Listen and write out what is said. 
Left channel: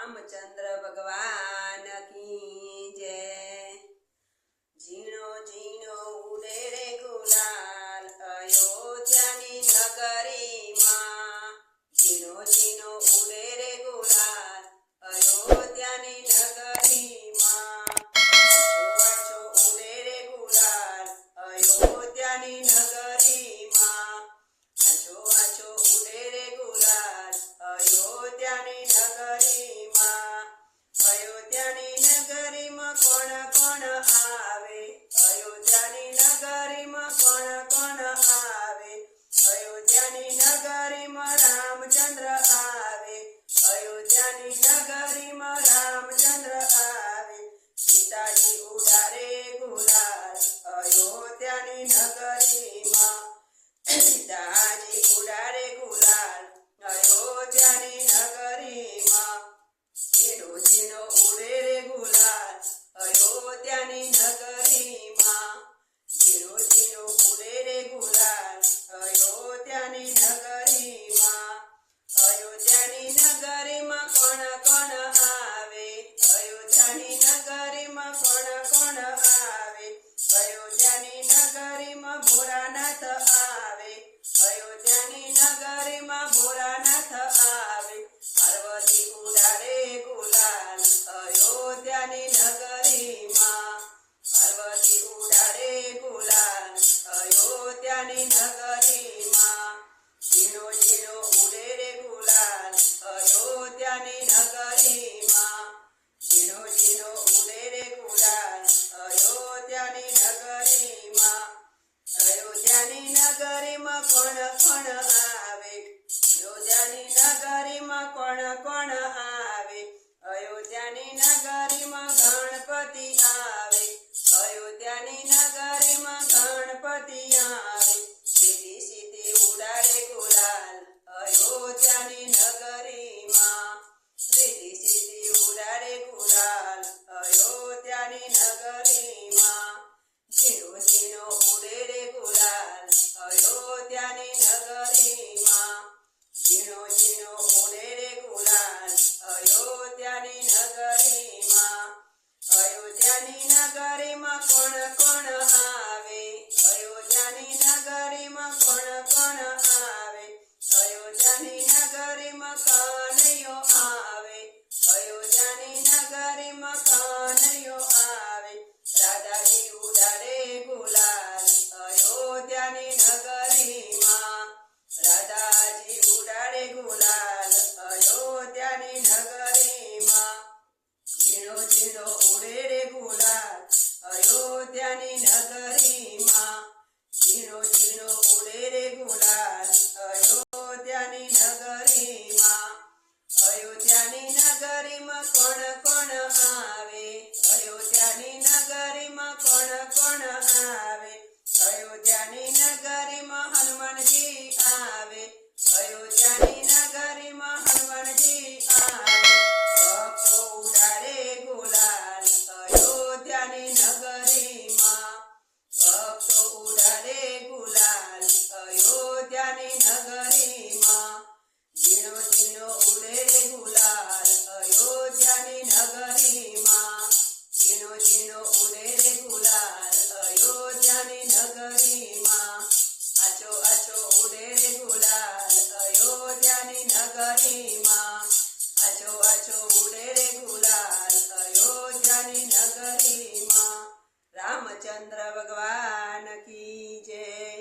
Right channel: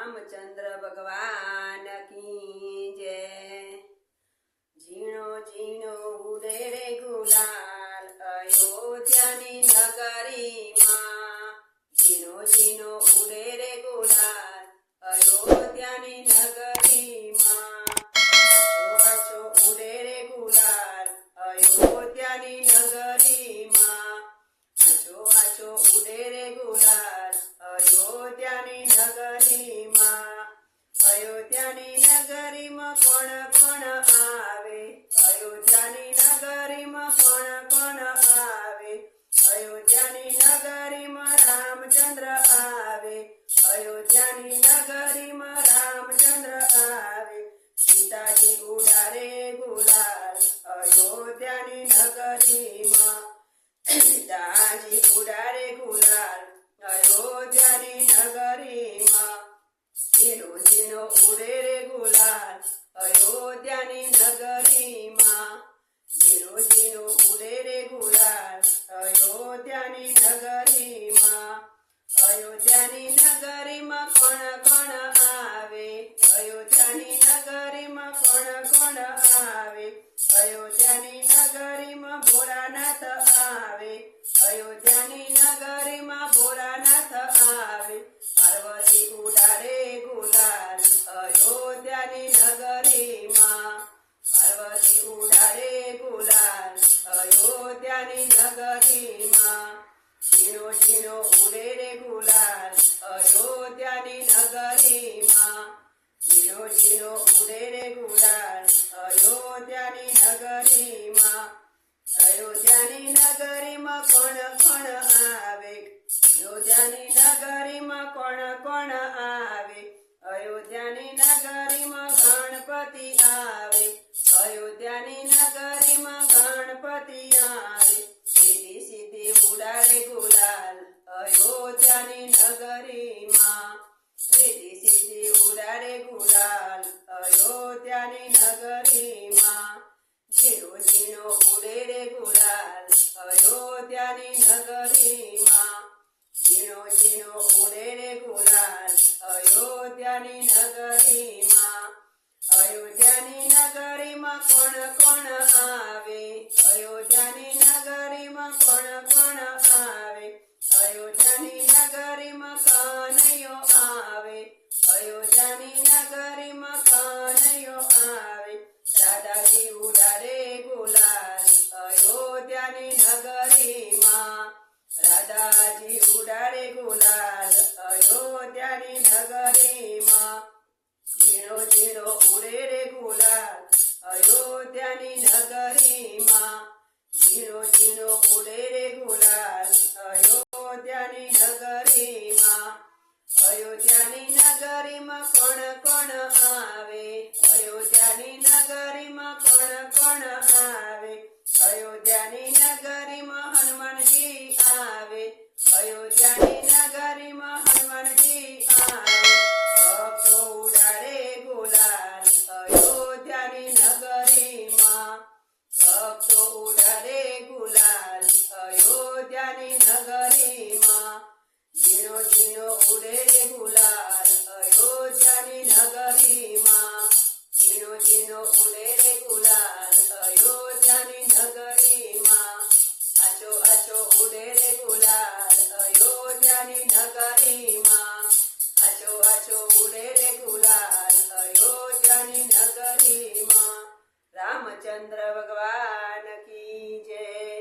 रामचंद्र भगवान की जय। झीणो झीणो उड़े रे गुलाल अयोध्यानी नगरी मां। झीणो झीणो उड़े रे गुलाल अयोध्यानी नगरी मां। आछो आछो उड़े रे गुलाल अयोध्यानी नगरी मां। आछो आछो उड़े रे गुलाल अयोध्यानी नगरी मां। अयोध्यानी नगरी में कोण कोण आवे। अयोध्यानी नगरी में कोण कोण आवे। अयोध्यानी नगरी में रामचंद्र आवे। अयोध्यानी नगरी में रामचंद्र आवे। सीताजी उड़ारे गुलाल अयोध्यानी नगरी में। सीताजी उड़ारे गुलाल अयोध्यानी नगरी में। झीणो झीणो उड़े रे गुलाल अयोध्यानी नगरी मां। झीणो झीणो उड़े रे गुलाल अयोध्यानी नगरी मां। अयोध्यानी नगरी में कोण कोण आवे। अयोध्यानी नगरी में कोण कोण आवे। अयोध्यानी नगरी में भोलानाथ आवे। अयोध्यानी नगरी में भोलानाथ आवे। पार्वती उड़ारे गुलाल अयोध्यानी नगरी मां। पार्वती उड़ारे गुलाल अयोध्यानी नगरी मां। झीणो झीणो उड़े रे गुलाल अयोध्यानी नगरी मां। झीणो झीणो उड़े रे गुलाल अयोध्यानी नगरी मां। अयोध्यानी नगरी में कोण कोण आवे। अयोध्यानी नगरी में कोण कोण आवे। अयोध्यानी नगरी में गणपति आवे। अयोध्यानी नगरी में गणपति आवे। सीधी सीधी उड़ारे गुलाल अयोध्यानी नगरी मां। सीधी सीधी उड़ारे गुलाल अयोध्यानी नगरी मां। झीणो झीणो उड़े रे गुलाल अयोध्यानी नगरी मां। झीणो झीणो उड़े रे गुलाल अयोध्यानी नगरी मां। अयोध्यानी नगरी में कोण कोण आवे। अयोध्यानी नगरी में कोण कोण आवे। अयोध्यानी नगरी में कान्हैयो आवे। अयोध्यानी नगरी में कान्हैयो आवे। राधाजी उड़ारे गुलाल अयोध्यानी नगरी मां। राधाजी उड़ारे गुलाल अयोध्यानी नगरी मां। झीणो झीणो उड़े रे गुलाल अयोध्यानी नगरी मां। झीणो झीणो उड़े रे गुलाल अयोध्यानी नगरी मां। अयोध्यानी नगरी में कोण कोण आवे। अयोध्यानी नगरी में कोण कोण आवे। अयोध्यानी नगरी में हनुमान जी आवे। अयोध्यानी नगरी में हनुमान जी आवे। भक्तो उड़ारे गुलाल अयोध्यानी नगरी मां। भक्तो उड़ारे गुलाल अयोध्यानी नगरी मां। झीणो झीणो उड़े रे गुलाल अयोध्यानी नगरी मां। झीणो झीणो उड़े रे गुलाल अयोध्यानी नगरी मां। आछो आछो उड़े रे गुलाल अयोध्यानी नगरी मां। आछो आछो उड़े रे गुलाल अयोध्यानी नगरी मां। रामचंद्र भगवान की जय।